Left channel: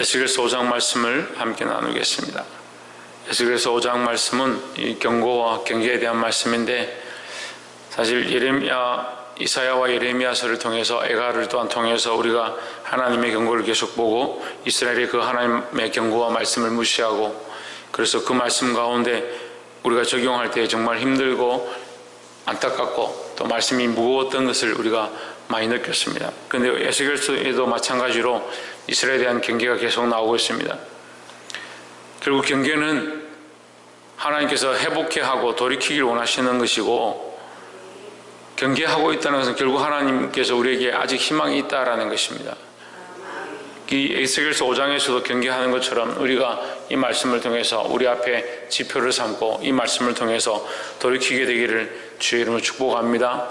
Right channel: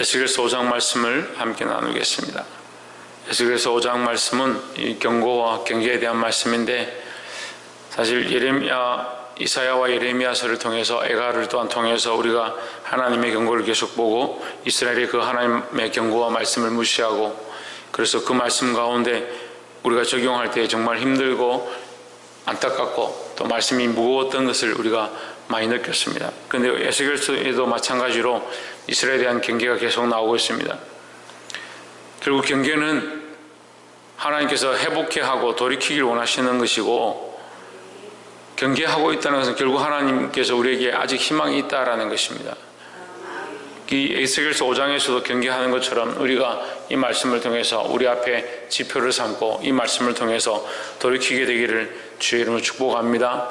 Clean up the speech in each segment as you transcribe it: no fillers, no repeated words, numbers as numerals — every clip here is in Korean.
에스겔서 5장 말씀을 함께 나누겠습니다. 에스겔서 5장 말씀은 이 경고와 경계에 대한 말씀인데, 사실 이사야와 예레미야서를 통해서, 에가를 또한 통해서 우리가 하나님의 경고를 계속 보고 이스라엘이 그 하나님의 경고와 말씀을 무시하고, 그래서 그 말씀 가운데 우리가 적용할 때 정말 힘들고 안타깝고 또 말씀이 무거웠던 것을 우리가 많이 느꼈습니다. 그런데 에스겔서에도 마찬가지로 이스라엘에 대한 경계가 계속 나오고 있습니다. 결국 경계는 하나님께서 회복해 하고 돌이키길 원하시는 것이고, 경계하고 있다는 것은 결국 하나님께서 우리에게 아직 희망이 있다라는 것입니다. 이 에스겔서 5장에서도 경계하는 것처럼 우리가 이 말씀을 통해서 우리 앞에 지표를 삼고 이 말씀을 통해서 돌이키게 되기를 주의 이름으로 축복합니다.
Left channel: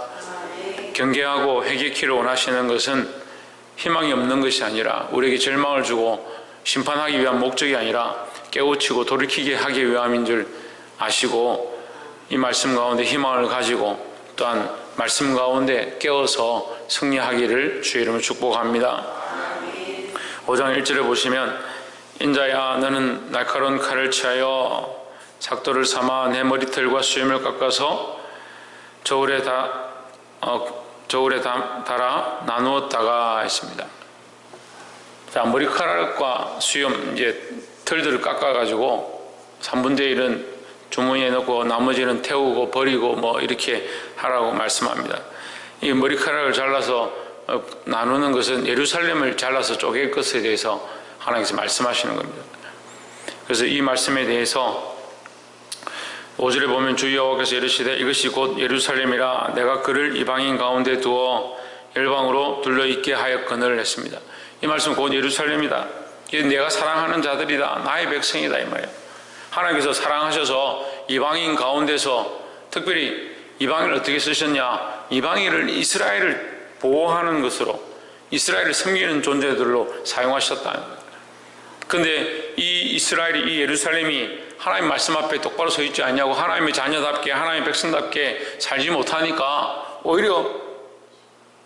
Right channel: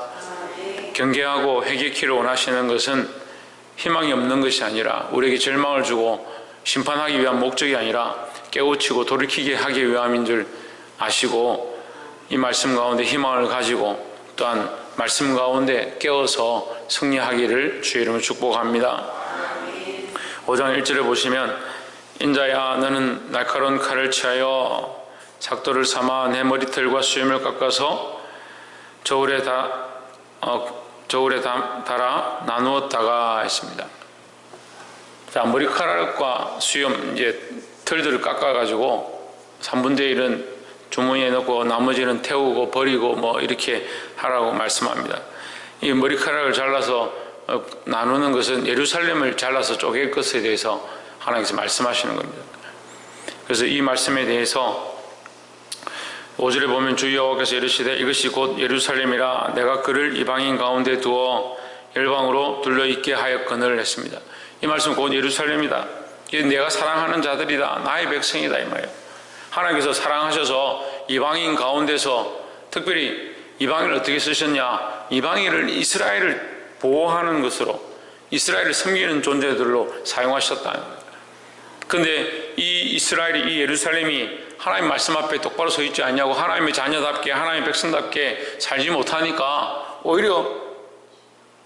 경계하고 회개키를 원하시는 것은 희망이 없는 것이 아니라, 우리에게 절망을 주고 심판하기 위한 목적이 아니라 깨우치고 돌이키게 하기 위함인 줄 아시고, 이 말씀 가운데 희망을 가지고 또한 말씀 가운데 깨어서 승리하기를 주의 이름으로 축복합니다. 5장 1절에 보시면, 인자야 너는 날카로운 칼을 취하여 작도를 삼아 내 머리털과 수염을 깎아서 저울에 달아 나누었다가 했습니다. 자, 머리카락과 수염, 이제 털들을 깎아가지고 3분의 1은 주머니에 넣고 나머지는 태우고 버리고 뭐 이렇게 하라고 말씀합니다. 이 머리카락을 잘라서 나누는 것은 예루살렘을 잘라서 쪼갤 것에 대해서 하나님께서 말씀하시는 겁니다. 그래서 이 말씀에 대해서 5절에 보면 주 여호와께서 이르시되 이것이 곧 예루살렘이라 내가 그를 이방인 가운데 두어 열방으로 둘러있게 하였거늘 했습니다. 이 말씀은 곧 예루살렘이다. 이게 내가 사랑하는 자들이다. 나의 백성이다 이 말이에요. 하나님께서 사랑하셔서 이방인 가운데서, 특별히 이방인을 어떻게 쓰셨냐, 이방인을 이스라엘을 보호하는 것으로, 이스라엘을 섬기는 존재들로 사용하셨다는 거예요. 그런데 이 이스라엘이, 이 예루살렘이 하나님 말씀 앞에 똑바로 서 있지 않냐고, 하나님의 자녀답게 하나님의 백성답게 살지 못하니까 오히려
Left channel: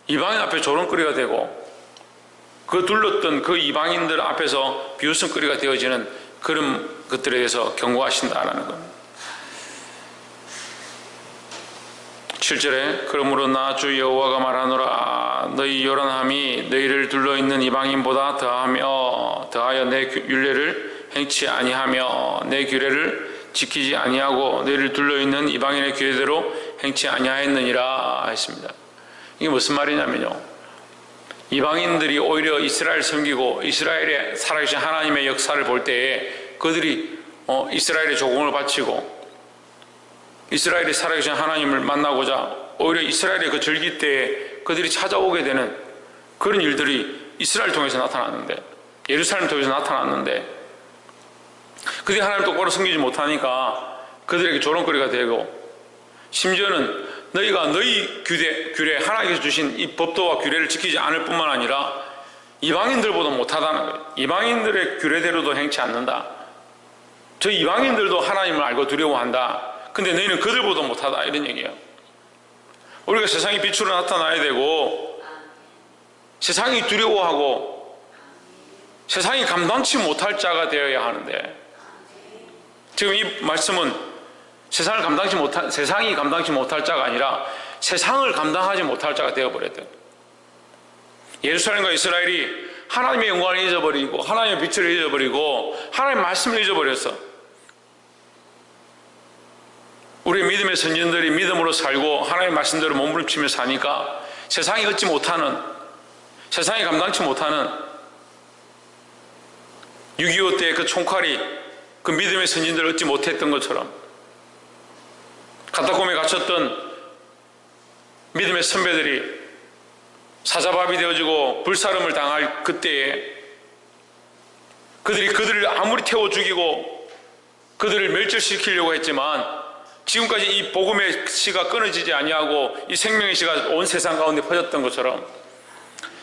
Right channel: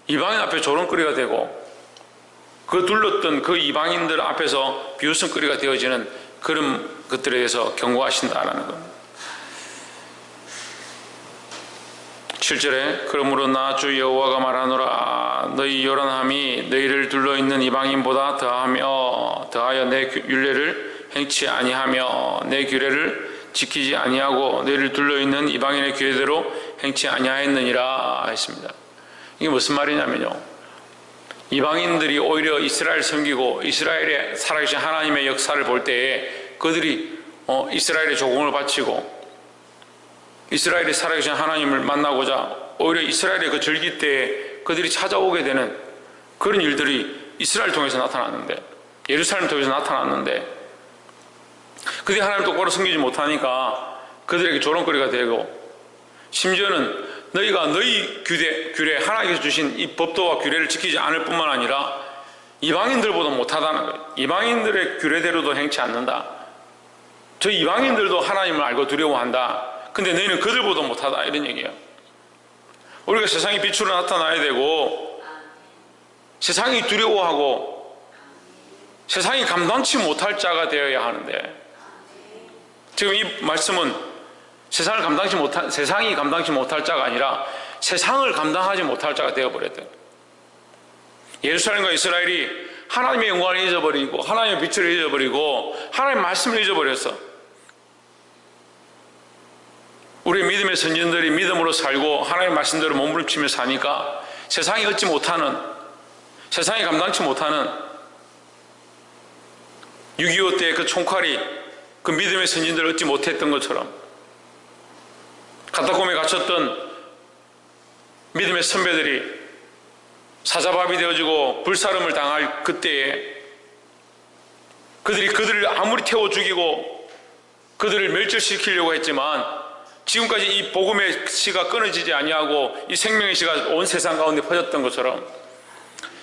이방인 앞에 조롱거리가 되고, 그 둘렀던 그 이방인들 앞에서 비웃음거리가 되어지는 그런 것들에 대해서 경고하신다라는 겁니다. 7절에 그러므로 나 주 여호와가 말하노라 너희 요란함이 너희를 둘러있는 이방인보다 더하여 내 율례를 행치 아니하며 내 규례를 지키지 아니하고 너희를 둘러있는 이방인의 규례대로 행치 아니하였느니라 했습니다. 이게 무슨 말이냐면요, 이방인들이 오히려 이스라엘 섬기고 이스라엘의 살아계신 하나님의 역사를 볼 때에 그들이 이스라엘의 조공을 바치고 이스라엘이 살아계신 하나님을 만나고자 오히려 이스라엘의 그 절기 때에 그들이 찾아오게 되는 그런 일들이 이스라엘 통해서 나타났는데, 예루살렘 통해서 나타났는데, 그들이 하나님을 똑바로 섬기지 못하니까 그들에게 조롱거리가 되고, 심지어는 너희가 너희 규례 하나님께서 주신 이 법도와 규례를 지키지 않을 뿐만 아니라 이방인들보다 못하다는 거예요. 이방인들의 규례대로도 행치 않는다. 저 이방인들도 하나님을 알고 두려워한다. 근데 너희는 그들보다 못하다, 이런 얘기예요. 우리가 세상의 빛으로 나타나야 되고, 세상이 두려워하고 세상이 감당치 못할 자가 되어야 하는데, 지금 이 말씀은 세상이 감당치 못할 자가 아니라 세상을 감당하지 못할 자가 되어버렸대요. 예루살렘과 이스라엘이 하나님의 영광을 잊어버리고 하나님의 빛을 잊어버리고 하나님의 말씀을 잊어버렸어. 우리의 믿음의 선진들이 믿음으로 살고 하나님의 말씀대로 몸부림치며 사니까 세상이 얻지 못하는, 세상이 감당치 못하는 6.25 때 그 총칼이 그 믿음의 선진들을 얻지 못했던 것처럼, 카타콤에 갇혔던 믿음의 선배들이 사자밥이 되어지고 불사름을 당할 그때에 그들을 아무리 태워 죽이고 그들을 멸절시키려고 했지만, 지금까지 이 복음의 씨가 끊어지지 아니하고 이 생명의 씨가 온 세상 가운데 퍼졌던 것처럼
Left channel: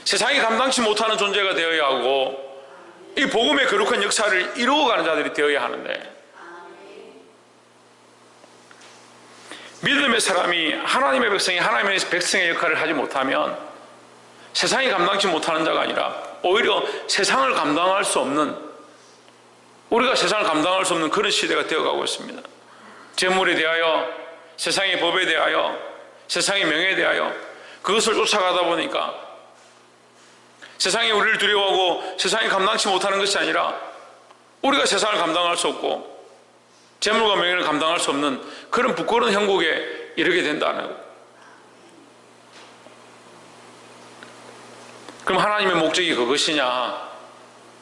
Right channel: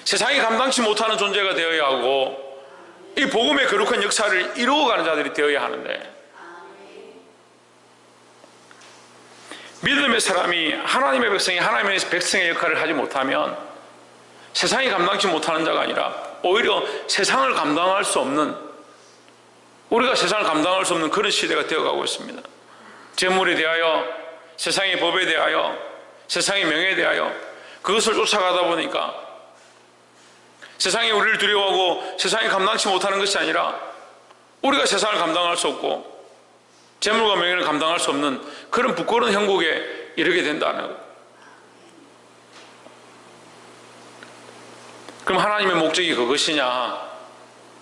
세상이 감당치 못하는 존재가 되어야 하고 이 복음의 거룩한 역사를 이루어가는 자들이 되어야 하는데, 믿음의 사람이 하나님의 백성이 하나님의 백성의 역할을 하지 못하면 세상이 감당치 못하는 자가 아니라 오히려 세상을 감당할 수 없는, 우리가 세상을 감당할 수 없는 그런 시대가 되어가고 있습니다. 재물에 대하여, 세상의 법에 대하여, 세상의 명예에 대하여 그것을 쫓아가다 보니까 세상이 우리를 두려워하고 세상이 감당치 못하는 것이 아니라 우리가 세상을 감당할 수 없고 재물과 명예를 감당할 수 없는 그런 부끄러운 형국에 이르게 된다는 것. 그럼 하나님의 목적이 그것이냐?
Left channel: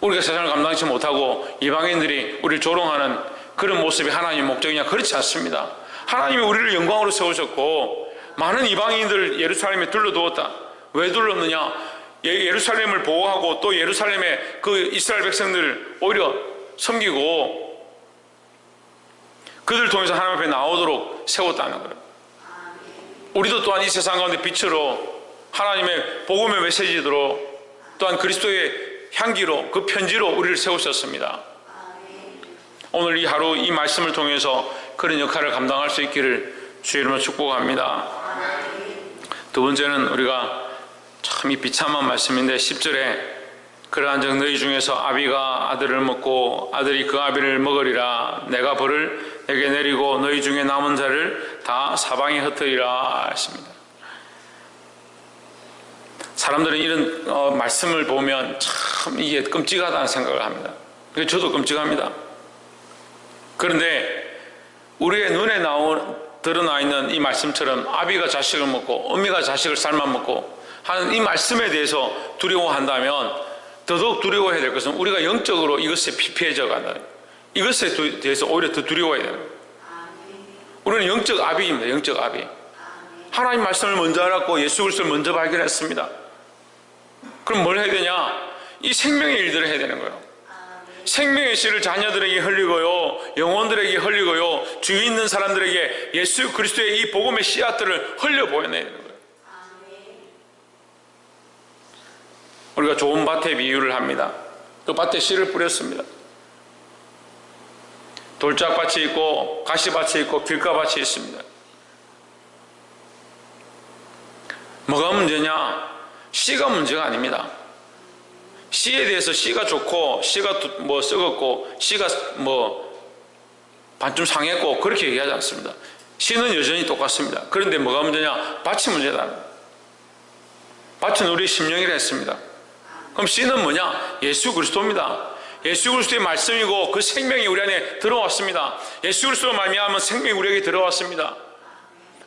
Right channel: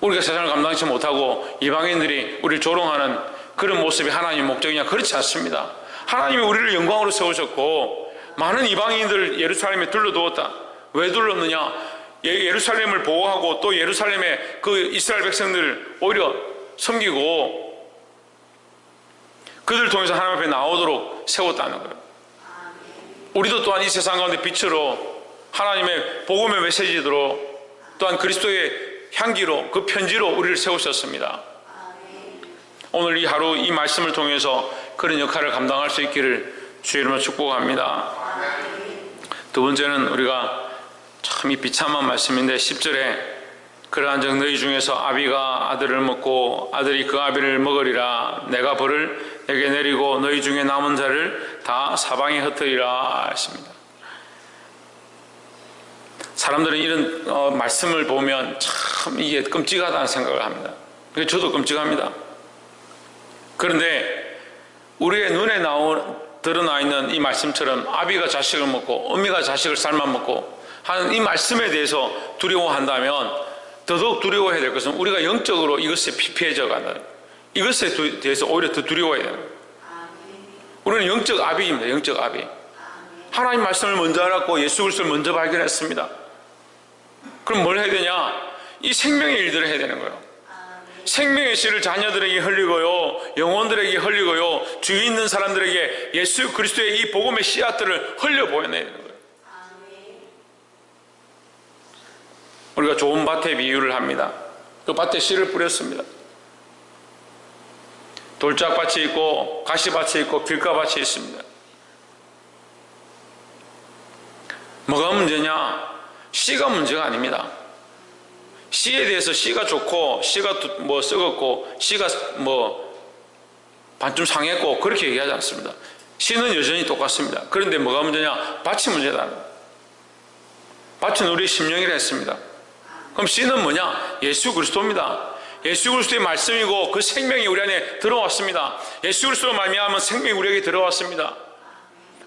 우리가 세상을 감당치 못하고 이방인들이 우리를 조롱하는 그런 모습이 하나님의 목적이냐? 그렇지 않습니다. 하나님이 우리를 영광으로 세우셨고 많은 이방인들을 예루살렘에 둘러두었다. 왜 둘렀느냐? 예루살렘을 보호하고 또 예루살렘의 그 이스라엘 백성들을 오히려 섬기고 그들을 통해서 하나님 앞에 나오도록 세웠다는 거예요. 우리도 또한 이 세상 가운데 빛으로 하나님의 복음의 메시지로 또한 그리스도의 향기로 그 편지로 우리를 세우셨습니다. 오늘 이 하루 이 말씀을 통해서 그런 역할을 감당할 수 있기를 주의 이름으로 축복합니다. 두 번째는 우리가 참 이 비참한 말씀인데 10절에 그러한 적 너희 중에서 아비가 아들을 먹고 아들이 그 아비를 먹으리라. 내가 벌을 내게 내리고 너희 중에 남은 자를 다 사방에 흩으리라 했습니다. 사람들은 이런 말씀을 보면 참 이게 끔찍하다는 생각을 합니다. 저도 끔찍합니다. 그런데 우리의 눈에 드러나 있는 이 말씀처럼 아비가 자식을 먹고 어미가 자식을 삶아 먹고 하는 이 말씀에 대해서 두려워한다면 더더욱 두려워해야 될 것은 우리가 영적으로 이것에 피폐해져 간다는 거예요. 이것에 대해서 오히려 더 두려워해야 되는 거예요. 우리는 영적 아비입니다. 영적 아비. 하나님 말씀을 먼저 알았고 예수 그리스도를 먼저 발견했습니다. 그럼 뭘 해야 되냐? 이 생명의 일들을 해야 되는 거예요. 생명의 씨를 자녀들에게 흘리고요, 영혼들에게 흘리고요, 주위 있는 사람들에게 예수 그리스도의 이 복음의 씨앗들을 흘려보내야 되는 거예요. 우리가 좋은 밭에 비유를 합니다. 그 밭에 씨를 뿌렸습니다. 돌짝밭이 있고 가시밭이 있고 길가밭이 있습니다. 뭐가 문제냐? 씨가 문제가 아닙니다. 씨에 대해서 씨가 좋고 씨가 뭐 썩었고 씨가 뭐 반쯤 상했고 그렇게 얘기하지 않습니다. 씨는 여전히 똑같습니다. 그런데 뭐가 문제냐? 밭이 문제다. 밭은 우리의 심령이라 했습니다. 그럼 씨는 뭐냐? 예수 그리스도입니다. 예수 그리스도의 말씀이고 그 생명이 우리 안에 들어왔습니다. 예수 그리스도로 말미암은 생명이 우리에게 들어왔습니다.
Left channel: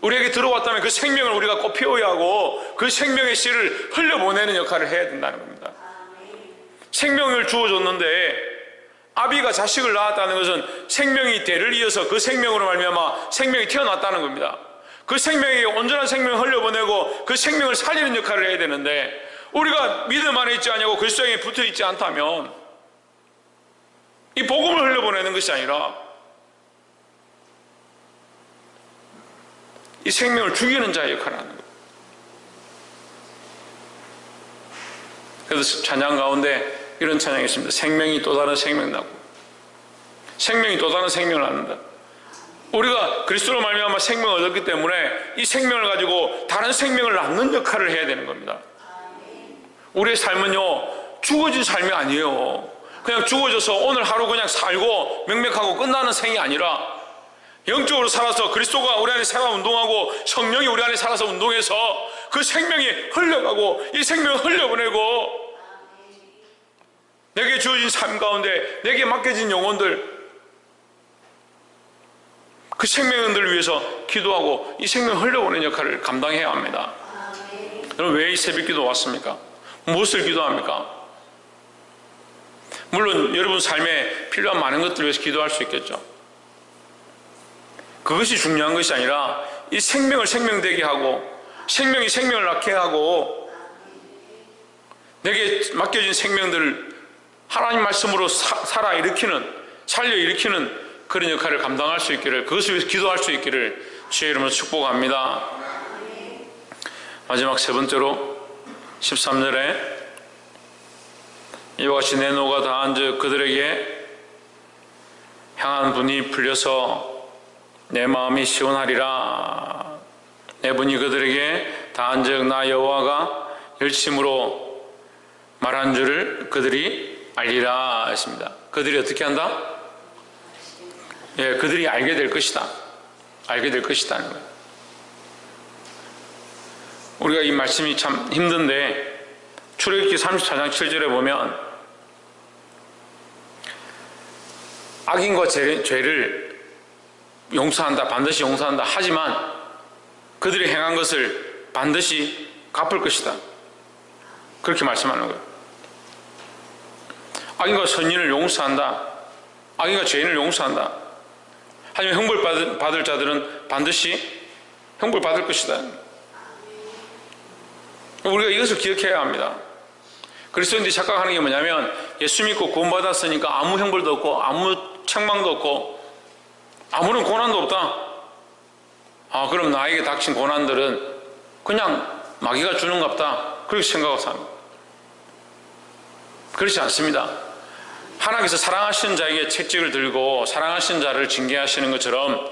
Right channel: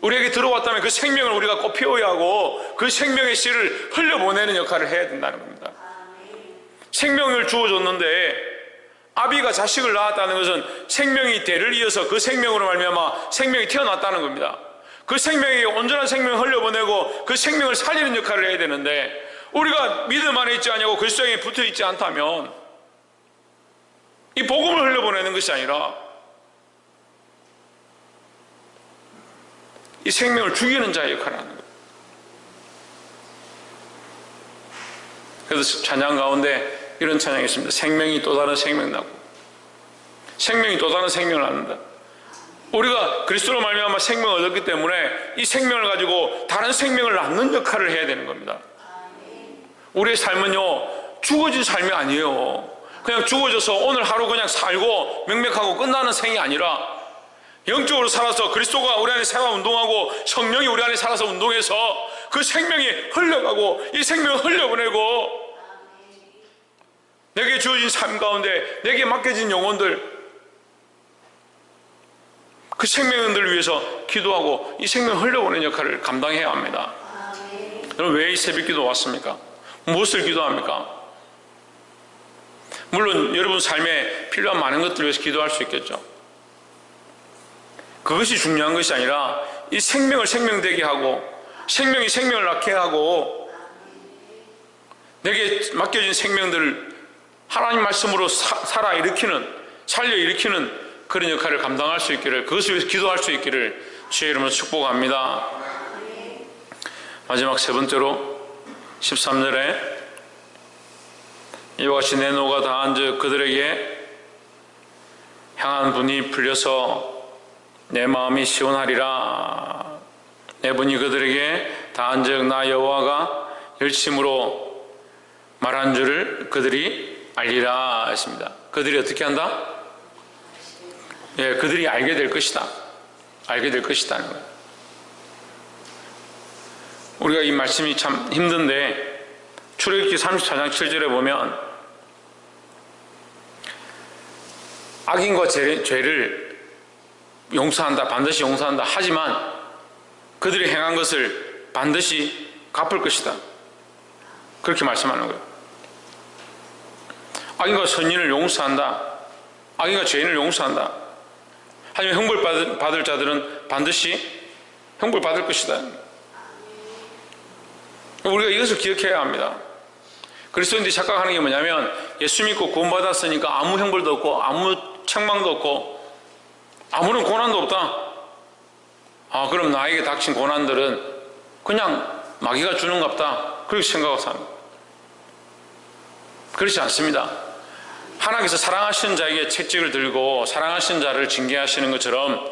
우리에게 들어왔다면 그 생명을 우리가 꼭 피워야 하고 그 생명의 씨를 흘려보내는 역할을 해야 된다는 겁니다. 생명을 주어줬는데 아비가 자식을 낳았다는 것은 생명이 대를 이어서 그 생명으로 말미암아 생명이 태어났다는 겁니다. 그 생명에게 온전한 생명을 흘려보내고 그 생명을 살리는 역할을 해야 되는데 우리가 믿음 안에 있지 않냐고 그리스도에 붙어 있지 않다면 이 복음을 흘려보내는 것이 아니라 이 생명을 죽이는 자의 역할을 하는 거예요. 그래서 찬양 가운데 이런 찬양이 있습니다. 생명이 또 다른 생명 나고 생명이 또 다른 생명을 낳는다. 우리가 그리스도로 말미암아 생명을 얻었기 때문에 이 생명을 가지고 다른 생명을 낳는 역할을 해야 되는 겁니다. 우리의 삶은요 죽어진 삶이 아니에요. 그냥 죽어져서 오늘 하루 그냥 살고 명맥하고 끝나는 생이 아니라 영적으로 살아서 그리스도가 우리 안에 살아 운동하고 성령이 우리 안에 살아서 운동해서 그 생명이 흘러가고 이 생명을 흘려보내고 내게 주어진 삶 가운데 내게 맡겨진 영혼들 그 생명들을 위해서 기도하고 이 생명을 흘려보내는 역할을 감당해야 합니다. 여러분 왜 이 새벽기도 왔습니까? 무엇을 기도합니까? 물론 여러분 삶에 필요한 많은 것들을 위해서 기도할 수 있겠죠. 그것이 중요한 것이 아니라 이 생명을 생명되게 하고 생명이 생명을 낳게 하고 내게 맡겨진 생명들을 하나님 말씀으로 살아 일으키는 살려 일으키는 그런 역할을 감당할 수 있기를 그것을 위해서 기도할 수 있기를 주의 이름으로 축복합니다. 마지막 세 번째로 13절에 이와 같이 내 노가 다한즉 그들에게 향한 분이 풀려서 내 마음이 시원하리라. 내 분이 그들에게 다한즉 나 여호와가 열심으로 말한 줄을 그들이 알리라 했습니다. 그들이 어떻게 한다? 예, 그들이 알게 될 것이다. 알게 될 것이다는 거예요. 우리가 이 말씀이 참 힘든데 출애굽기 34장 7절에 보면 악인과 죄를 용서한다, 반드시 용서한다 하지만 그들이 행한 것을 반드시 갚을 것이다. 그렇게 말씀하는 거예요. 악인과 선인을 용서한다. 악인과 죄인을 용서한다. 하지만 형벌 받을 자들은 반드시 형벌 받을 것이다. 우리가 이것을 기억해야 합니다. 그리스도인들이 착각하는 게 뭐냐면 예수 믿고 구원받았으니까 아무 형벌도 없고 아무 책망도 없고 아무런 고난도 없다. 그럼 나에게 닥친 고난들은 그냥 마귀가 주는갑다. 그렇게 생각하고 삽니다. 그렇지 않습니다. 하나님께서 사랑하시는 자에게 채찍을 들고 사랑하시는 자를 징계하시는 것처럼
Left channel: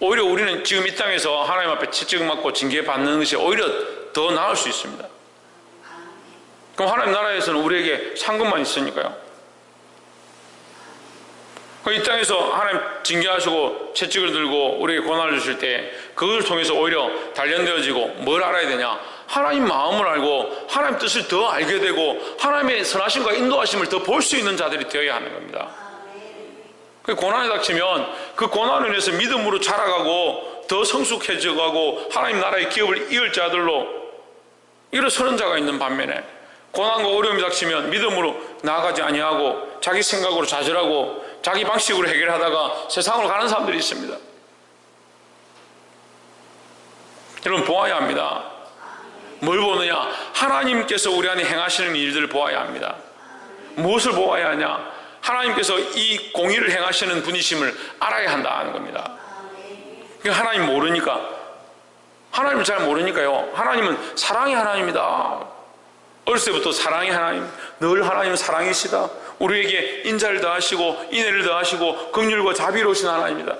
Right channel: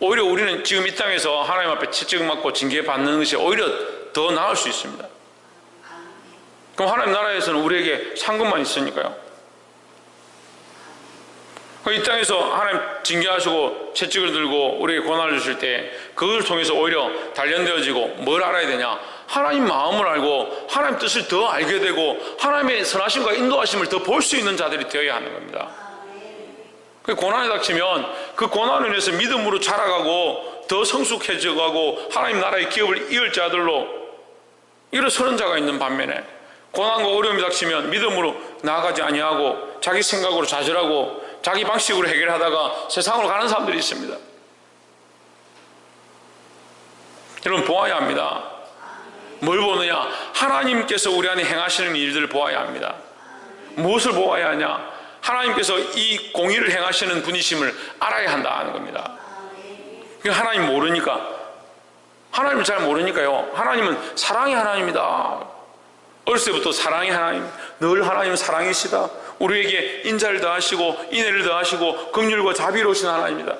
오히려 우리는 지금 이 땅에서 하나님 앞에 채찍을 맞고 징계받는 것이 오히려 더 나을 수 있습니다. 그럼 하나님 나라에서는 우리에게 상급만 있으니까요. 이 땅에서 하나님 징계하시고 채찍을 들고 우리에게 고난을 주실 때 그것을 통해서 오히려 단련되어지고 뭘 알아야 되냐? 하나님 마음을 알고 하나님 뜻을 더 알게 되고 하나님의 선하심과 인도하심을 더 볼 수 있는 자들이 되어야 하는 겁니다. 고난에 닥치면 그 고난을 인해서 믿음으로 자라가고 더 성숙해져가고 하나님 나라의 기업을 이을 자들로 일어서는 자가 있는 반면에 고난과 어려움이 닥치면 믿음으로 나아가지 아니하고 자기 생각으로 좌절하고 자기 방식으로 해결하다가 세상으로 가는 사람들이 있습니다. 여러분 보아야 합니다. 뭘 보느냐? 하나님께서 우리 안에 행하시는 일들을 보아야 합니다. 무엇을 보아야 하냐? 하나님께서 이 공의를 행하시는 분이심을 알아야 한다는 겁니다. 하나님 모르니까, 하나님을 잘 모르니까요. 하나님은 사랑의 하나님이다. 어렸을 때부터 사랑의 하나님, 늘 하나님은 사랑이시다. 우리에게 인자를 더하시고 인애를 더하시고 긍휼과 자비로우신 하나님이다.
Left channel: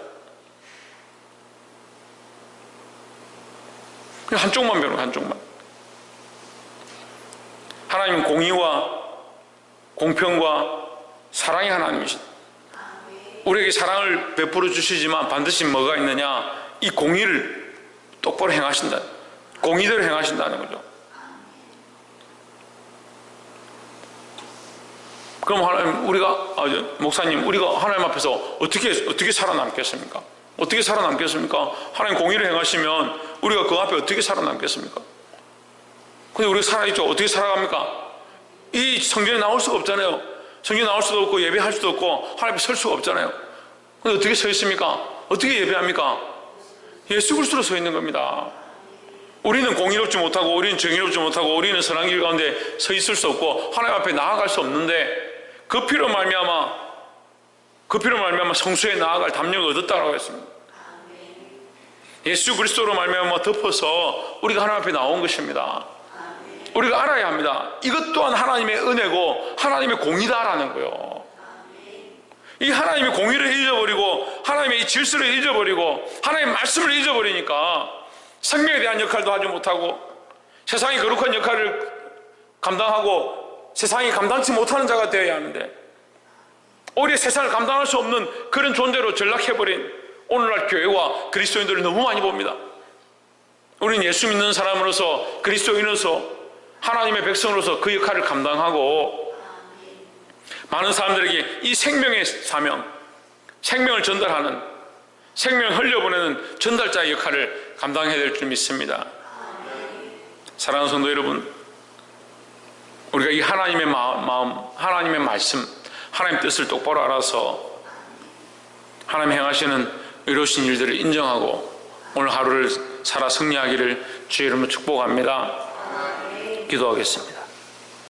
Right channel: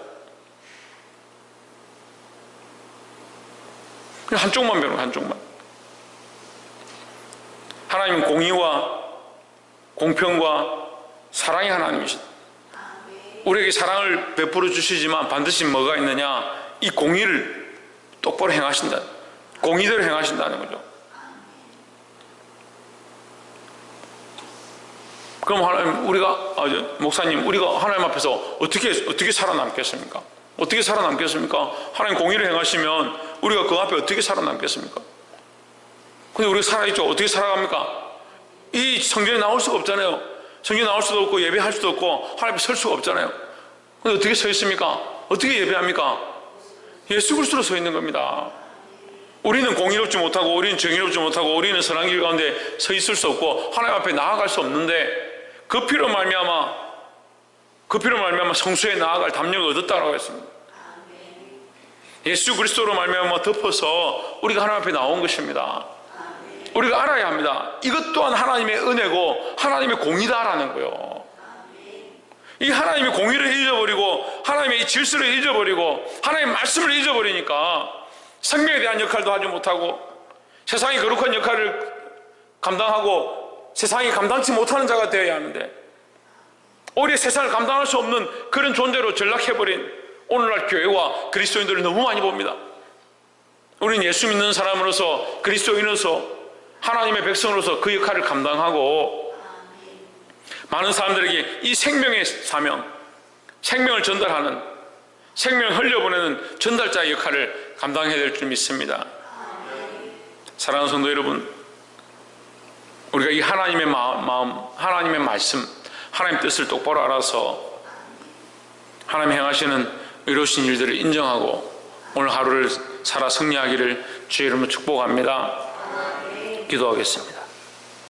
그냥 한쪽만 배우는 한쪽만. 하나님은 공의와 공평과 사랑의 하나님이시다. 우리에게 사랑을 베풀어 주시지만 반드시 뭐가 있느냐? 이 공의를 똑바로 행하신다. 공의대로 행하신다는 거죠. 그럼 하나님, 목사님, 우리가 하나님 앞에서 어떻게 살아남겠습니까? 어떻게 살아남겠습니까? 하나님 공의를 행하시면 우리가 그 앞에 어떻게 살아남겠습니까? 근데 우리가 살아있죠. 어떻게 살아갑니까? 이 성전에 나올 수가 없잖아요. 성전에 나올 수도 없고 예배할 수도 없고 하나님 앞에 설 수가 없잖아요. 근데 어떻게 서 있습니까? 어떻게 예배합니까? 예수 그리스도로 서 있는 겁니다. 우리는 공의롭지 못하고 우리는 정의롭지 못하고 우리는 선한 길 가운데 서 있을 수 없고 하나님 앞에 나아갈 수 없는데 그 피로 말미암아 성수에 나아갈 담력을 얻었다라고 했습니다. 예수 그리스도로 말미암아 덮어서 우리가 하나님 앞에 나온 것입니다. 우리가 알아야 합니다. 이것 또한 하나님의 은혜고 하나님의 공의다라는 거예요. 이 하나님의 공의를 잊어버리고 하나님의 이 질서를 잊어버리고 하나님의 말씀을 잊어버리니까 생명에 대한 역할도 하지 못하고 세상의 거룩한 역할을 감당하고 세상이 감당치 못하는 자가 되어야 하는데 오히려 세상을 감당할 수 없는 그런 존재로 전락해버린 오늘날 교회와 그리스도인들을 너무 많이 봅니다. 우리는 예수 믿는 사람으로서 그리스도인으로서 하나님의 백성으로서 그 역할을 감당하고 많은 사람들에게 이 생명의 사명, 생명을 전달하는, 생명을 흘려보내는 전달자의 역할을 감당해야 될 줄 믿습니다. 사랑하는 성도 여러분, 우리가 이 하나님의 마음, 하나님의 말씀, 하나님의 뜻을 똑바로 알아서 하나님 행하시는 의로우신 일들을 인정하고 오늘 하루를 살아 승리하기를 주의 이름으로 축복합니다. 기도하겠습니다.